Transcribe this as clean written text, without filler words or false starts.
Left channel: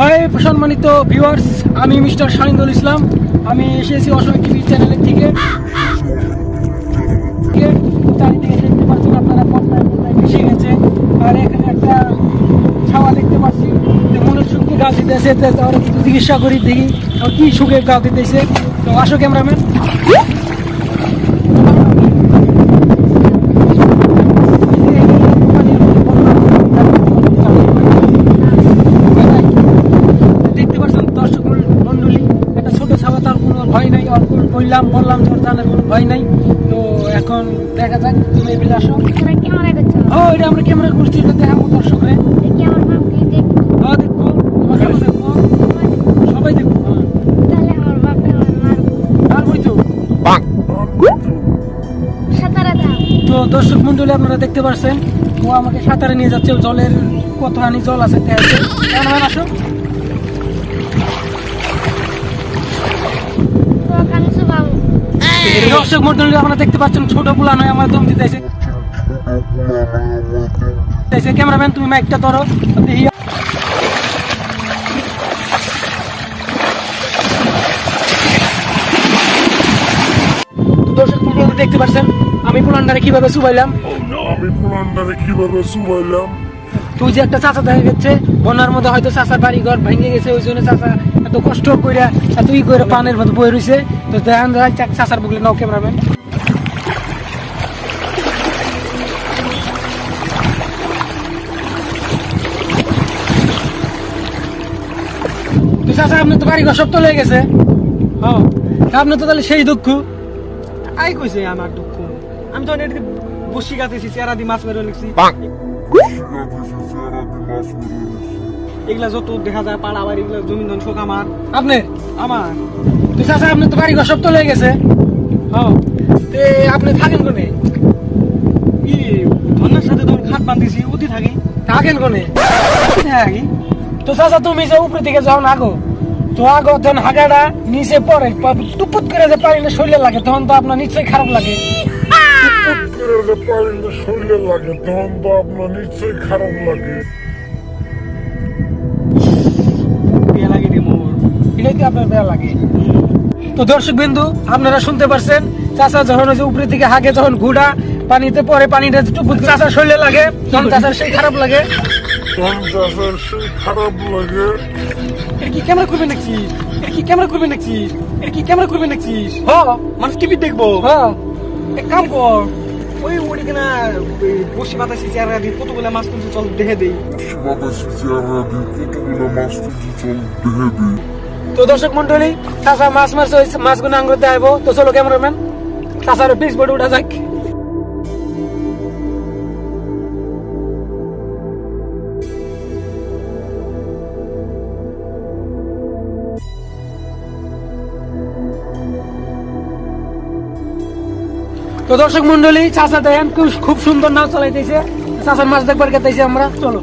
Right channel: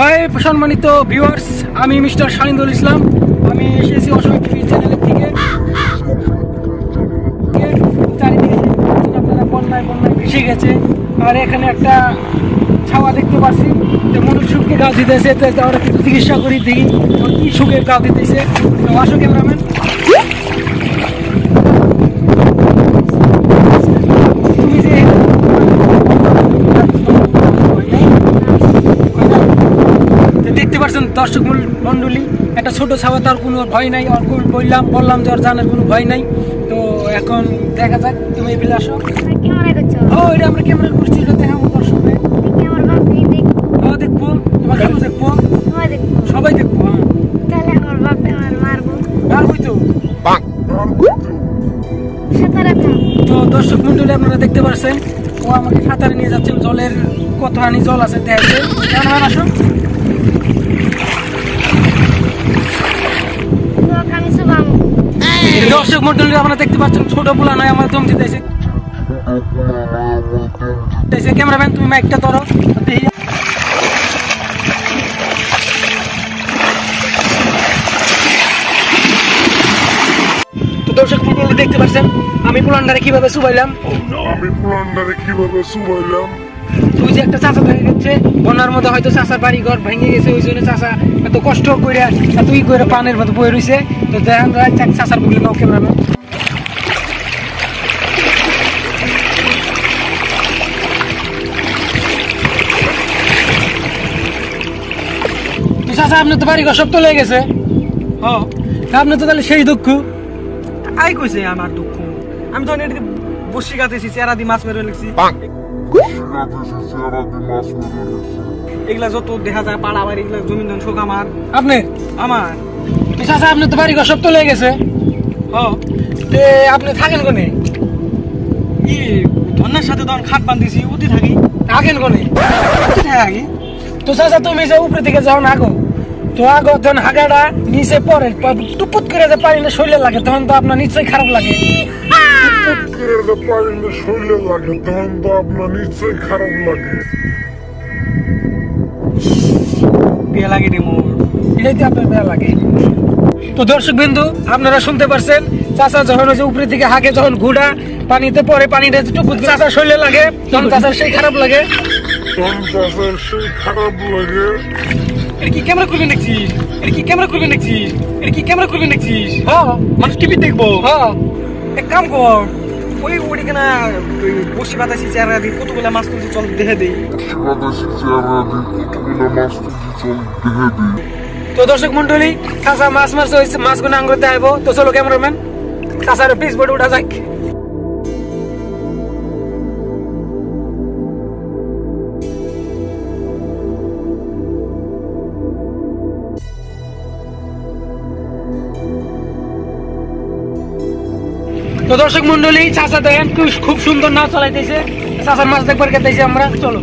High সম্মানিত viewers, আমি mister Shahinul ইসলাম। আমি এসেছি অসময় টিভি চ্যানেলের থেকে। চারিদিকে দেখতে পাচ্ছেন আপনারা বন্যায় ভেসে গেছে। আর এখানে একটা ছাওয়া দেখতে পাচ্ছি যে মনের সুখকে গাছ দিতেছে। ওরা কিছু চিকিৎসা করি দেখি কি সুখে গাছ দিতেছে। তো আসো ক্যামেরাম্যান। দেখতে পাচ্ছেন দর্শক মন্ডলী, একটা ছোট ছাওয়া, তার কোনো ভয় নাই। আর বললাম যে ওর জানার কোনো ভয় নাই। তো এখন দেখা যাক, তুমি এগুলো আসো। এটা আমরা ক্যামেরা করছি, এটা দেখাবো দর্শকরে। দেখবো, তোমার খালু দেখবো, সবাই দেখবো। মারবই তো। তো দর্শক মন্ডলী, আপনারা দেখতে পাচ্ছেন ও আমাকে সাঁতারে নিয়ে যাচ্ছে। জলের কতখানি জল আছে দেখাচ্ছে। আসো। দর্শক মন্ডলী, আপনারা দেখতে পাচ্ছেন ছোট পোলা নয়, আমার দম দিতেছে। ক্যামেরাম্যান তুমি মাইকটা ধরো। তো দর্শক মন্ডলী দেখতে পাচ্ছেন আমি পোলান্ডারে কিভাবে চুবাইলাম। তুই যে একটা চাচা দেখা গেছে বন্যার মধ্যে, হয়তো চাচার বাড়ি ঘর ভেঙে গেছে, ওই জন্য চাচা এত কষ্ট করে এত করে পানের মধ্যে বয়ে রয়েছে। তো দেখেন চাচার বুকলে নাও ক্যামেরাম্যান। তো চাচা আপনার তো বাড়ি ঘর সব তো লেগে গেছে। হ্যাঁ, আপনার তো তাহলে সেই দুঃখ। আই কইছে আমার দুঃখ, আমি তো বসি গাতেছি, চেরা দি মাছ মেরে লেগছি। এগুলা যত দেখা যায় পাড়া বাড়ি, এগুলা জমিন ধন শোক আমার। আমার তো চাচা আপনার তো বাড়ি ঘর সব তো লেগে গেছে। হ্যাঁ, আপনি থাকেন কোনে? ই ধন্যার সাথে তখন খাট বান্ধিছি, উঠি থাকি। থাকেন কোনে? থাকি। তো চাচা তুমি যে উপরে দিকে যাও না আগো, তো আগো তখন হাগাটা নিচে পড়ে, টুপুট করে যে পানি না শরীরে লাগে, তখন তো আপনার নিশ্চয়ই খারাপ লাগে। তো দর্শক বিন্দু, আপনারা শুনতে পারছেন চাচা যখন উপরে থেকে হাগে, যখন ঘুড়া পানিতে পরে, পানিটা টুপুট চাচার শরীরে লাগে, তখন চাচার সেই খারাপ লাগে। ক্যামেরা করবে দেখছিস? ক্যামেরা করবে দেখছিস? ক্যামেরা করবে দেখছিস? মানুষ টিভি দেখবো। এক কাম কর, ওই ওদিকে না বসি বাতাসি চেহারা দিই, কতগুলা মাছ তুলছি, চল দেখে দিই। তো দর্শক মন্ডলী, চাচা মাছ মারছে, ওই মাছগুলো আঙ্গুর দেখাবো। তো চলো ক্যামেরাম্যান, চাচার পিস বোর্ডে উঠা যাক। তো দর্শক মন্ডলী, চাচা দেখেন খুব সুন্দর নাও চালাইতেছে। চাচার মাছ দেখবার গেতেছি আমরা, চলো।